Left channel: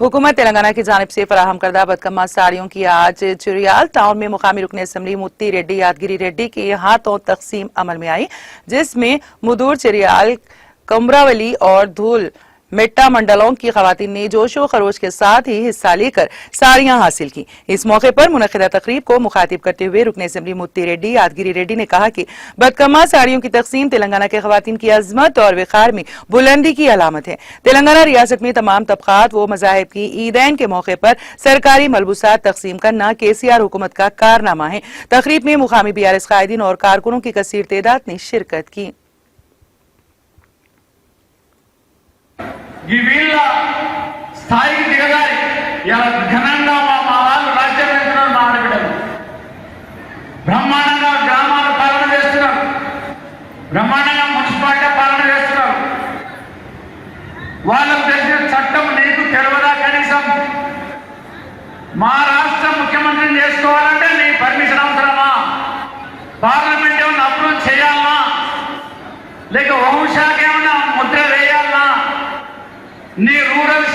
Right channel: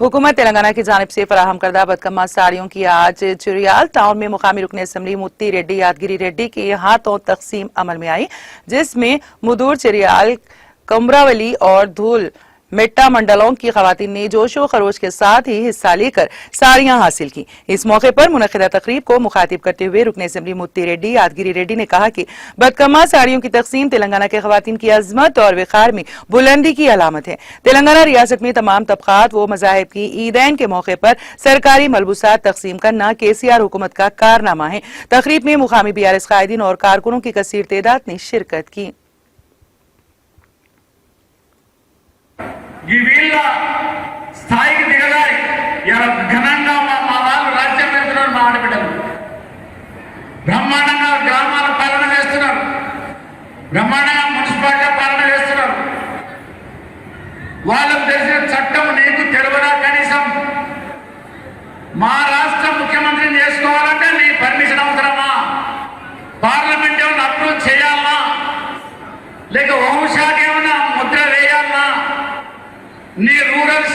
हुकूमत तेलंगाना की जानिब से फराहम करदा बदकम्मा साड़ियों की आज चिरियाल टाउन में मुकामी रुकन असम्बली मुत्ती रेड्डी यादगिरी रेड्डी के हाथों तकसीम अमल में आई, जिसमें मुदूर चिरियाल कमरावली और धूल मेट्टा मंडलों की खवातीन ने जोशो खरोश के साथ ही हिस्सा लेकर साड़ियां हासिल की। इस मौके पर मुनक़िदा तकरीब को मुखातिब करते हुए रुकन असम्बली मुत्ती रेड्डी यादगिरी रेड्डी ने कहा कि बदकम्मा साड़ियों की तकसीम तेलंगाना के खवातीन की अजमत और विखार में बुलंदी की अलामत है। तेलंगाना रियासत में तमाम तबकात व मज़ाहिब की ईदैन के मौके पर सरकारी मलबूसात तकसीम करना KCR हुकूमत का कारनामा है। तकरीब में मुकामी BRS कायदीन और कारकुनों की कसीर तादाद ने शिरकत की। ఈ వీళ్ళ స్థాయికి దిగజారి ఇలా ఘనంగా మా వాళ్ళు రాజ్యం వెళ్తున్నారు. మా ఆడబిడ్డలు బ్రహ్మాండంగా గ్రామాల పాలన చేస్తున్నారు, బ్రహ్మాండంగా మున్సిపాలిటీ పాలన చేస్తున్నారు. వాళ్ళకు తెలిసిన చట్టం నీకు తెలియదా? కనీసం మా రాష్ట్ర ముఖ్యమంత్రిని చేసుకోవాలంటే నీ పర్మిషన్ అవసరమా? పార్లమెంట్ ఏమన్నా అప్రూవ్ చేయాలనా? లేక హోంశాఖ ఏమన్నా ముద్ర వేయాలనా? నీ రూరల్